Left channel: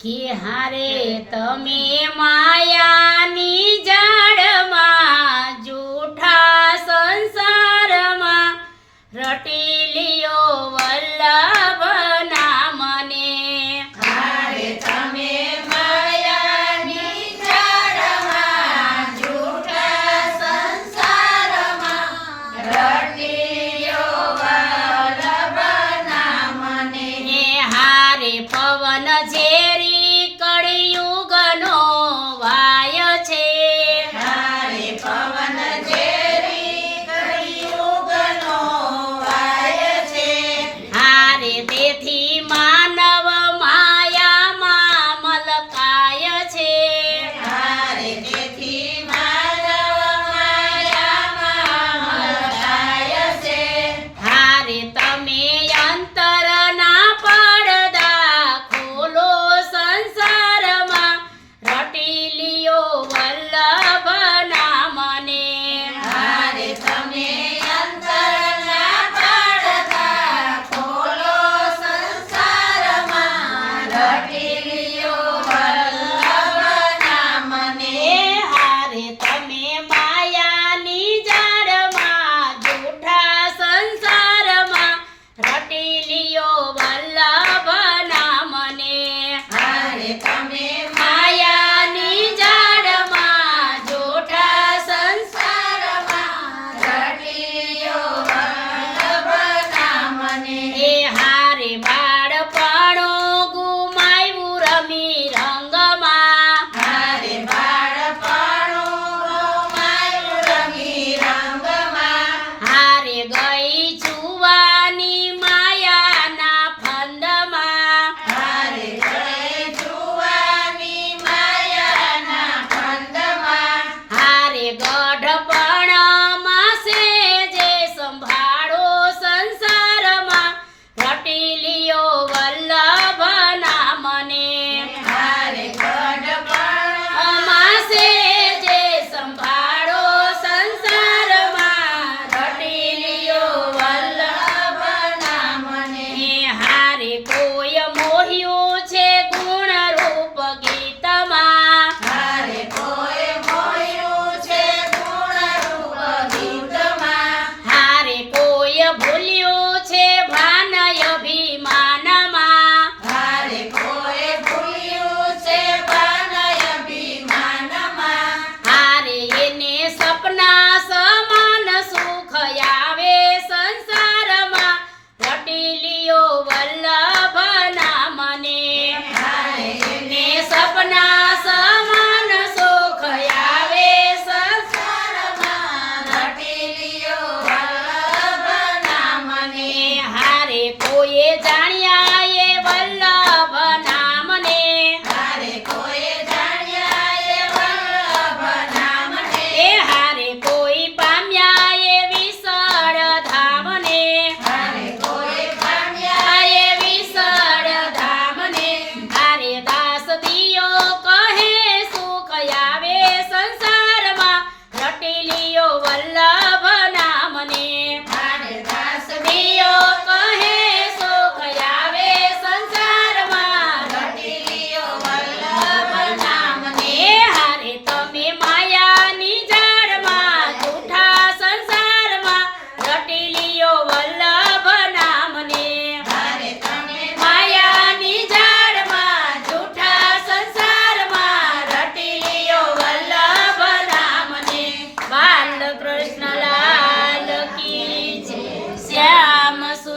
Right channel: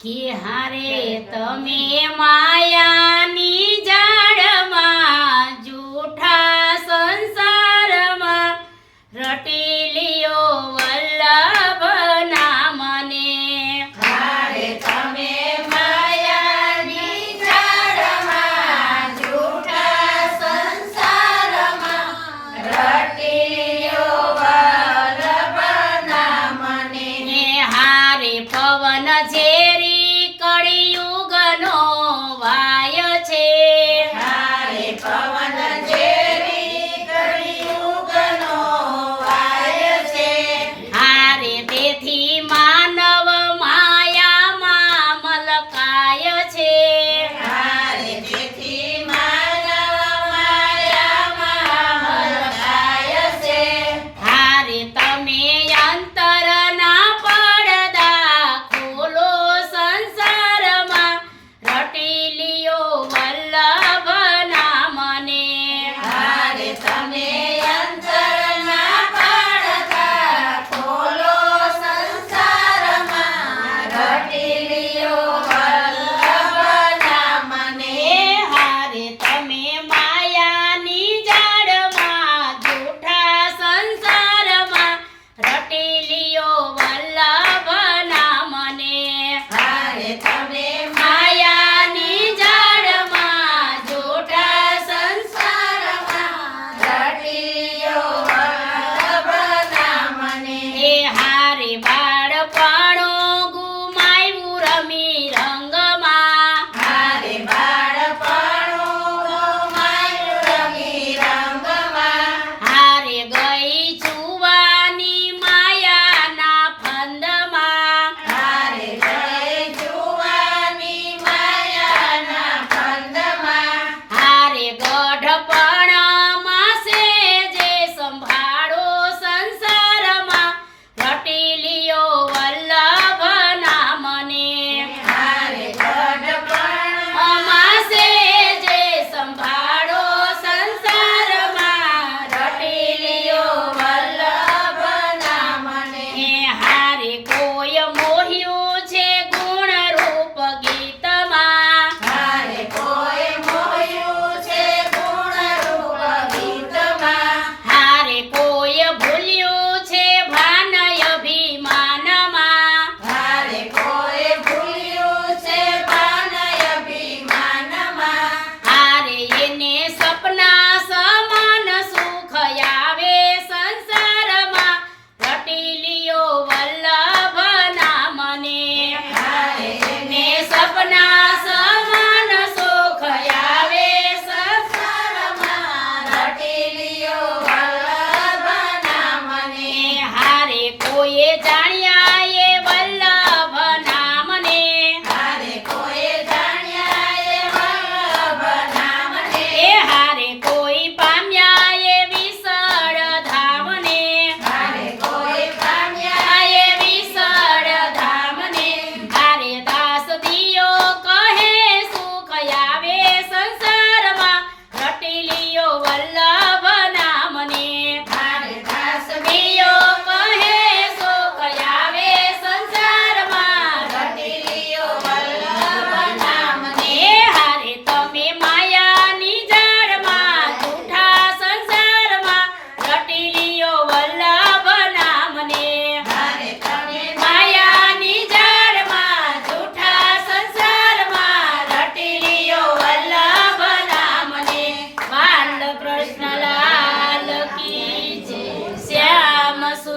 કે હારે તમે માયાની જા 米杨等。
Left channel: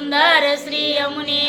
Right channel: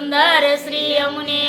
સુંદર શ્રી અમને